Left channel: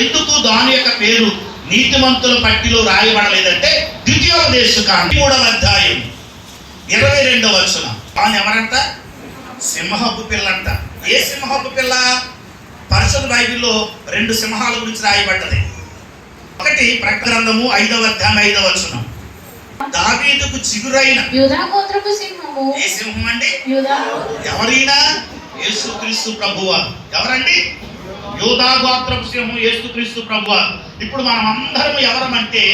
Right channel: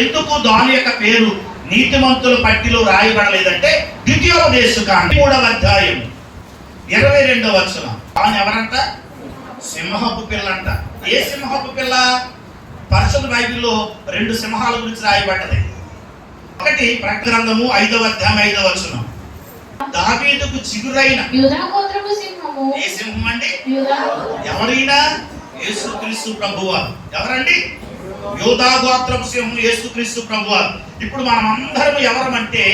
ఎందుకు దాని యొక్క పేరు నీతిమంతుల పట్టిలో రాయబడలేదంటే ద్వితీయోపదేశకాండం 3వ అధ్యాయం 22వ వచనం. దాని ఎవరంట? సింహపు పిల్లంట. ఏ సింహపు పిల్ల? పరిశుద్ధ బైబిల్లో 2 సింహాల గురించి రాయబడ్డది. ఒకటి ప్రకటన 5వ అధ్యాయం 5వ వచనం. దావీదుకు చిగురైన యూదా గోత్రపు సింహము. ఏ సింహం అండి? యూదా. ఎవరైనా? యేసుక్రీస్తు ప్రభువారు. ఎవరండి? యూదా గోత్రపు సింహం యేసుక్రీస్తు ప్రభువారు. ఇప్పుడు మనం అందరం ఎవరమంటే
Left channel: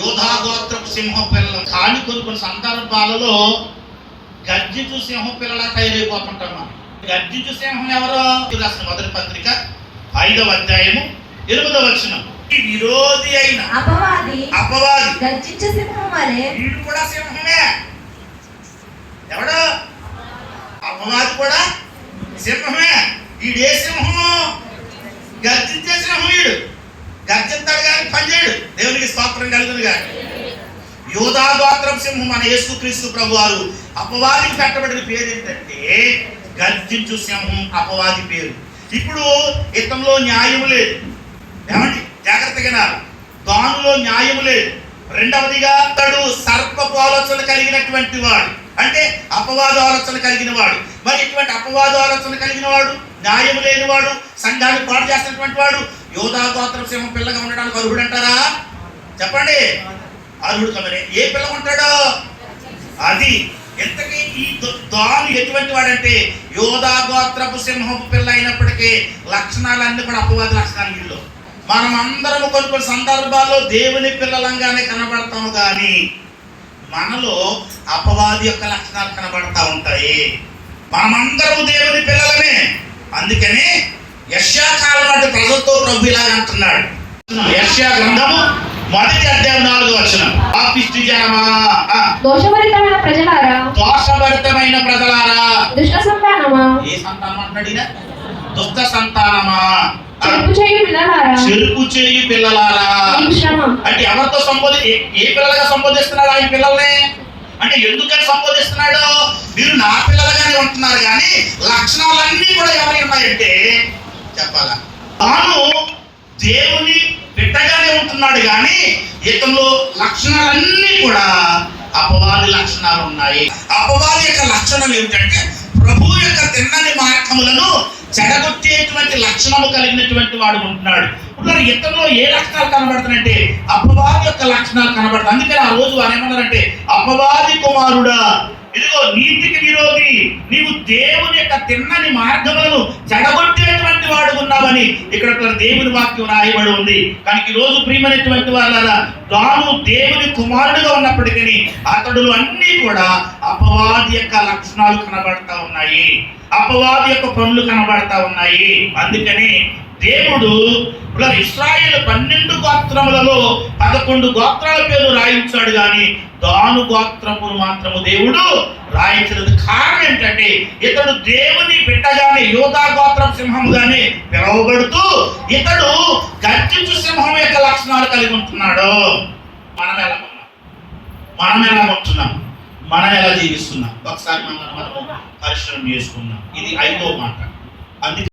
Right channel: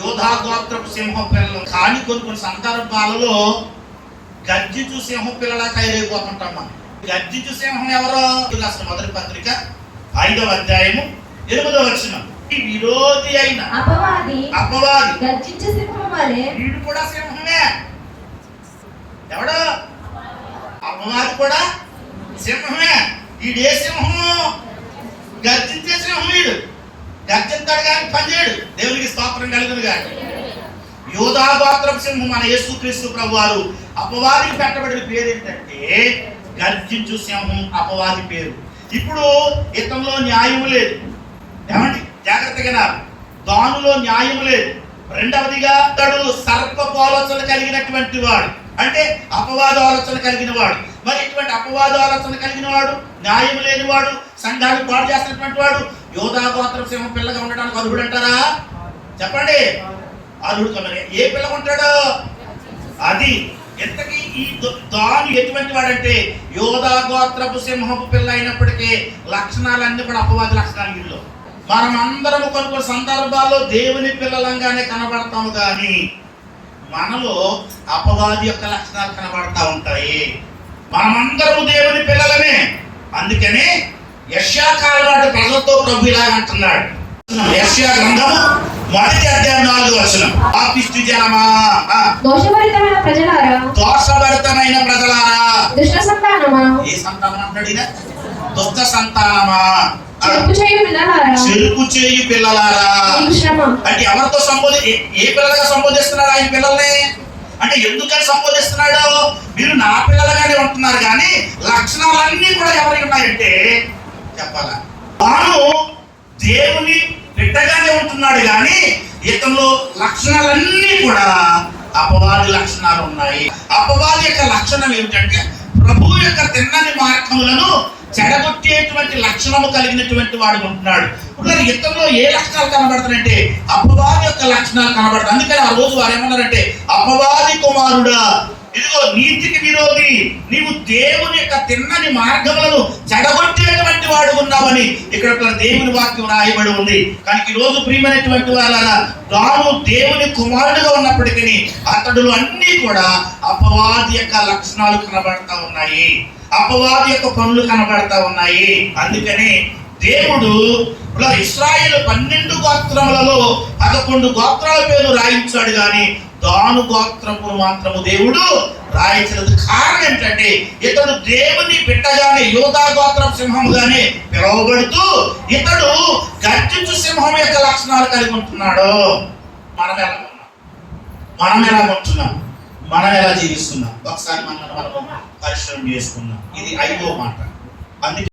యూదా గోత్రపు సింహం పిల్లలు. కానీ కొన్ని సందర్భాలలో గర్జించు సింహం పిల్లలా తయారైపోతుంటాం మనం. గర్జించు సింహం ఎవరో? రాసిన మొదటి పత్రిక 5వ అధ్యాయము 8వ వచనం. విరోధి అయిన అపవాది గర్జించు సింహం వలె. వీడు కూడా సింహమే. ఎవడు? అపవాది కూడా సింహమే. వీడే సింహము? గర్జించే సింహం. వీడు గర్జింతాడు కానీ పనిచేయడు. దేవునికి స్తోత్రం కలుగును గాక. యూదా గోత్రపు సింహం మన యేసుక్రీస్తు ప్రభువారు. అపవాదికి పెట్టబడిన పేరు ఏంటంటే గర్జించు సింహం. అపవాది పేరు. ఇప్పుడు ఇతనిలో న్యాయం లేదు. ఏమండి? జాగ్రత్తగా దానిలో న్యాయం లేదు. రెండవదిగా అతడు సర్పపు ఆలోచన కలిగినటువంటి వాడు, అంటే అపవాద ఆలోచన కలిగిన వాడు. మరి ఇటువంటి అపవాద ఆలోచన కలిగిన వాడు, న్యాయం లేని వాడు, సంఘాన్ని పాడు చేస్తున్నటువంటి వాడు యూదా గోత్ర సింహం పిల్లగా ఉండడానికి అర్హుడు అంటారా? చెప్పండి. అర్హుడు కమరే. ఏ పిల్ల ఉంటాడో అది. ఎంతకీ ఈ దాని ఎటువంటి వాడంటే యూదా గోత్రపు సింహపు పిల్ల అయినప్పటికీ లక్షణాలన్నీ కూడా అపవాద లక్షణాలు. వీళ్ళు మనం అందరం కొన్ని సందర్భాల్లో దేవుని పిల్లలంగానే కనబడతాము, కానీ మనలో అపవాది యొక్క లక్షణాలు కనబడతా ఉంటాయి. మనమందరము దేవుని పిల్లలమే. అందుకనే యెషయా కాలనాటి ప్రజలతో ప్రభు ఇలా అంటున్నాడు. యెషయా గ్రంథము 1వ అధ్యాయం 4వ వచనం. పాపిష్టి జనమా, దోషభరితమైన ప్రజలారా, దోషభరితమైన ప్రజలారా, దుష్ట సంతానమా. ఏ సంతానం అంటాడు? దుష్ట సంతానమా, చెరుపు చేయు పిల్లలారా. అంటే ఎవరితో ఏ పిల్లలుగా సంబోధిస్తున్నాడు ఆయన పిల్లల్ని? అంటే ఎందుకని సంబోధిస్తున్నాడు? మీరు నా పిల్లలుగానే ఉంటున్నారు, కానీ లక్షణాలన్నీ కూడా ఎవరికి ఉన్నాయంటే చెప్పాలా, తాను దేవుని బిడ్డగానే ఉంటున్నాడు, కానీ ఇతను లక్షణాలన్నీ కూడా అపవాది లక్షణాలు ఉన్నాయి. అపవాది యొక్క లక్షణం ఏమిటంటే ప్రభు యొక్క తిన్నని మార్గములను చెడగొట్టేటువంటి లక్షణాలు కలిగినటువంటి వాడు ఉంటున్నాడు. ఇప్పుడు ఇతరులో ఏ లక్షణాలు కనబడుతున్నాయంటే అపవాది యొక్క లక్షణాలు కనబడతాయి. అందుకని ఆ రోజు వారు ఏమన్నారంటే, అపవాది కుమారుడా, ఇదిగో నీతికి విరోధి, నీవు దేవుని యొక్క తిన్నని మార్గములను చెడగొట్టేటువంటి వాడు ఉన్నావని ఇక్కడ దేవుని వాక్యం రాయబడి ఉంది. కానీ ఈ రోజు ప్రియమైనటువంటి వాళ్ళ తాను దేవుని కుమారుడుగా ఉన్నప్పటికీ అతడులు అన్ని కూడా అపవాది యొక్క లక్షణాలు కనబడతా ఉన్నాయి, అపవాది యొక్క పనులు కనబడతా ఉన్నాయి. అందుకని దేవుడు ఇశ్రాయేలు 12 గోత్రములలో 11 గోత్రాల పేరు రాయించాడు, కానీ దాను గోత్రమును మాత్రము దేవుడు రాయించలేదు. కారణం ఏంటంటే ఇతడు దేవుని బిడ్డగానే యూదా గోత్రం సింహంగానే పిలువబడుతూ ఇతడు గర్జించు సింహం యొక్క లక్షణాలు కలిగి ఉంటున్నాడు. మనం ఎలా ఉంటున్నాం? మనం ఎలా జీవిస్తున్నాం? ఒకసారి మనం పరిశ్రమ చేసుకున్నాం. ఇది 5వ మాట. అందుకే